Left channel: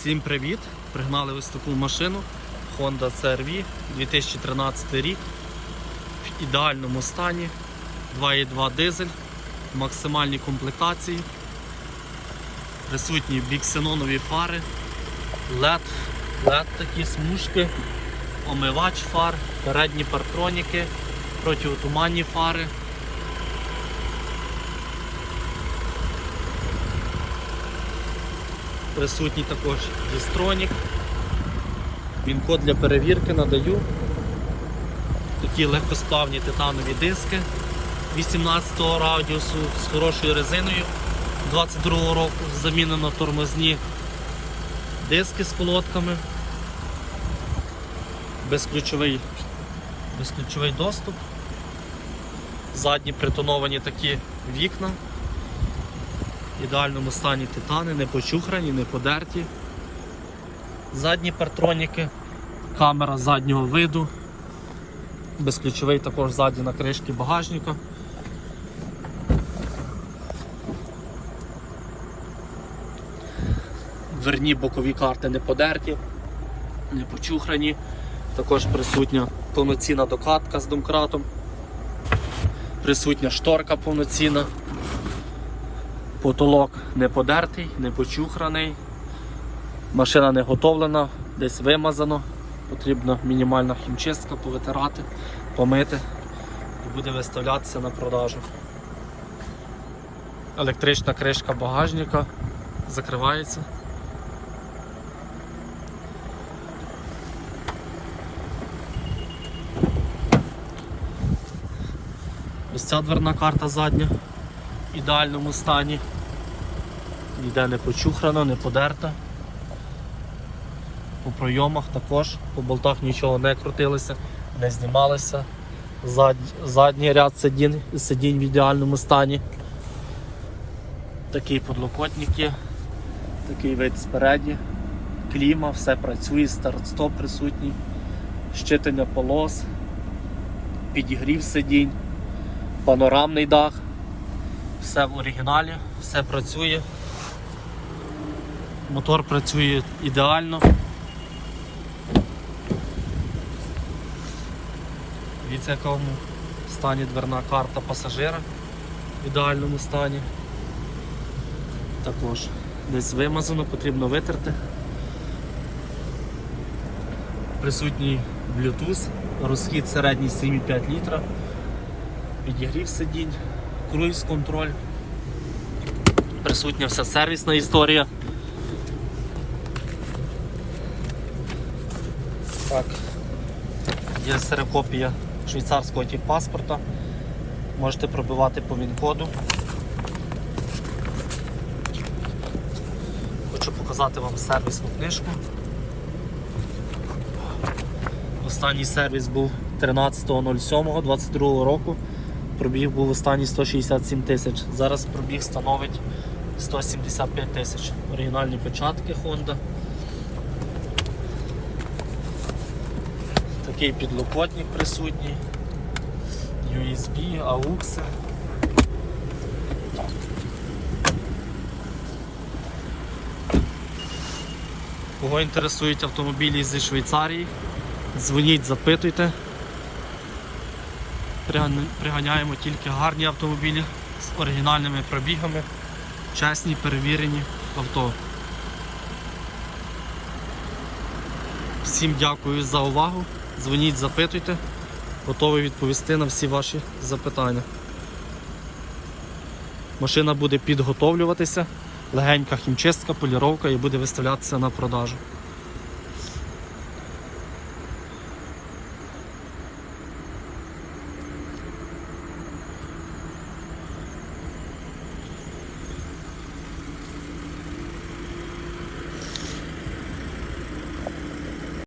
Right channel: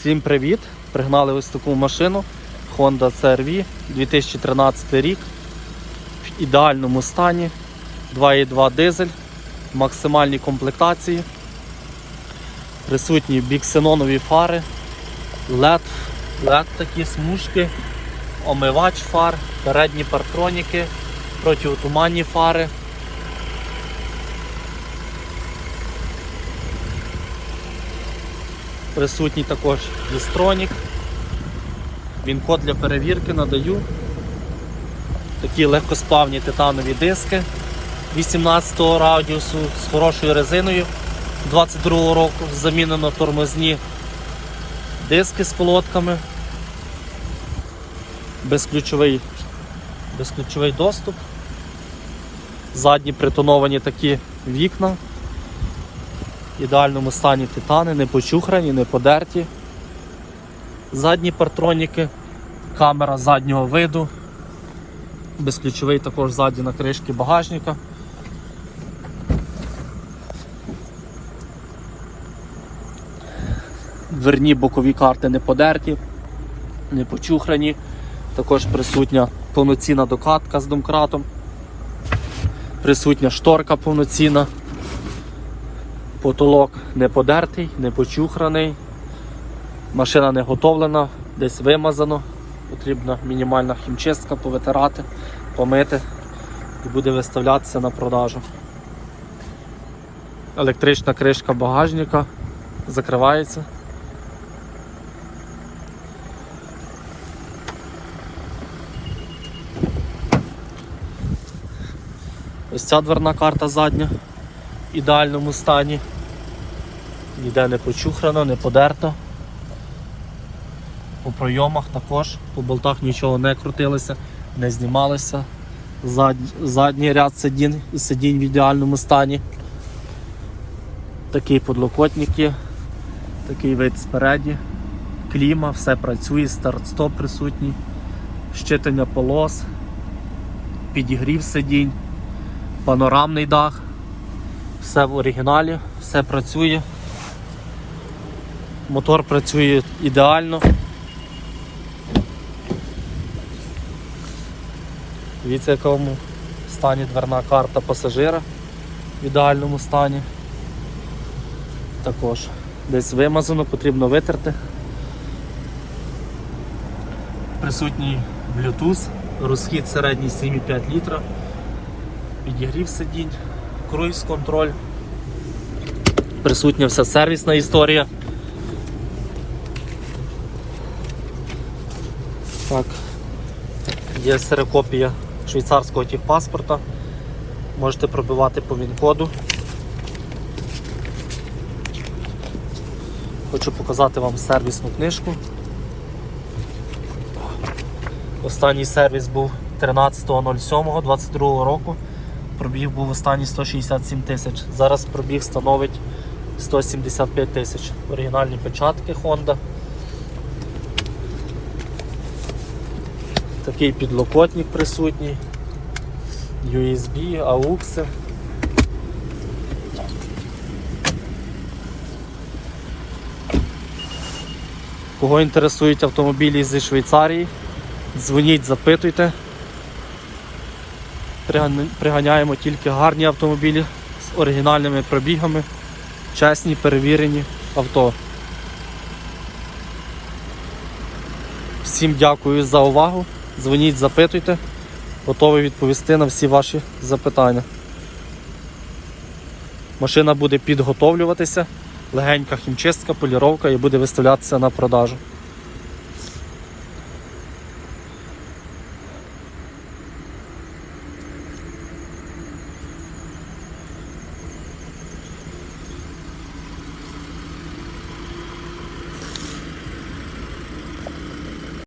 Всім привіт! Пригнали ось таку машину. Honda CR-V 2013 рік. В ідеальному стані. 2.2 дизель, в максимальній комплектації. Присутні біксенонові фари, LED, LED такі смужки, омивач фар, передні партроніки, протиотуманні фари. Присутній також дістронік. Він код для перевірки надаю. Такі легкосплавні титанові диски 18 радіусу з хорошою резиною 22 року. Замінено тормозні диски з колодками. Безключовий, безключовий доступ. Задні притоновані такі вікна ідеальному стані титани, не почухрані, не подерті. Задні партроніки, камера заднього виду, безключовий також ззаді на кришці багажника. Дверні бокові карти не подерті, не почухрані. Також присутня повноцінна докатка з домкратом, присутня шторка повноцінна. Потолок не подертий, не почухраний. Машина не готовлена, десь вимазано. Потрібна мінімальна хімчистка, повитирати, помити і буде виставлятися на продажу. Електрична кришка багажника закривається. Ось ця дверна карта задня ідеальному стані. Ніде не почухрано, не подерта. По пройомах також, по болтах нічого не крутилося, не знімалося. Зад... Задній ряд сидінь, сидінь в ідеальному стані. Такі подлокотники, такий вид спереді, кліма, все працює, старт-стоп присутній, щитання полос, підігрів сидінь, панорамний дах. Все в оригіналі, все працює. Мотор працює ідеально. Дивіться, в якому стані дверна карта пасажира в ідеальному стані. Також десь вимазано, потрібно витерти. Присутній Bluetooth, розхід середній 7,5 літра, підігрів сидінь, круїз контроль. Присутня вся сервісна історія. Так. Є серокопія швейцарського техпаспорта. Можете пробивати по він-коду. Хочу показати вам сервісну книжку. Останній сервіс був 13.07.22 року. Пробіг був останній 167 тисяч. Зараз пробіг становить 175 тисяч. Оригінальні печатки Honda. Такий підлокотник присутній, USB, AUX. Кого інтересують автомобілі зі Швейцарії, дзвоніть, запитуйте. Приган- Приганяємо тільки гарні автомобілі з оригінальними пробігами, чесні, перевірені авто. Всім дякую за увагу. Дзвоніть, запитуйте. Готовий відповісти на всі ваші запитання. Машина буде підготовлюватися, легенька хімчистка, поліровка і буде виставлятися на продажу.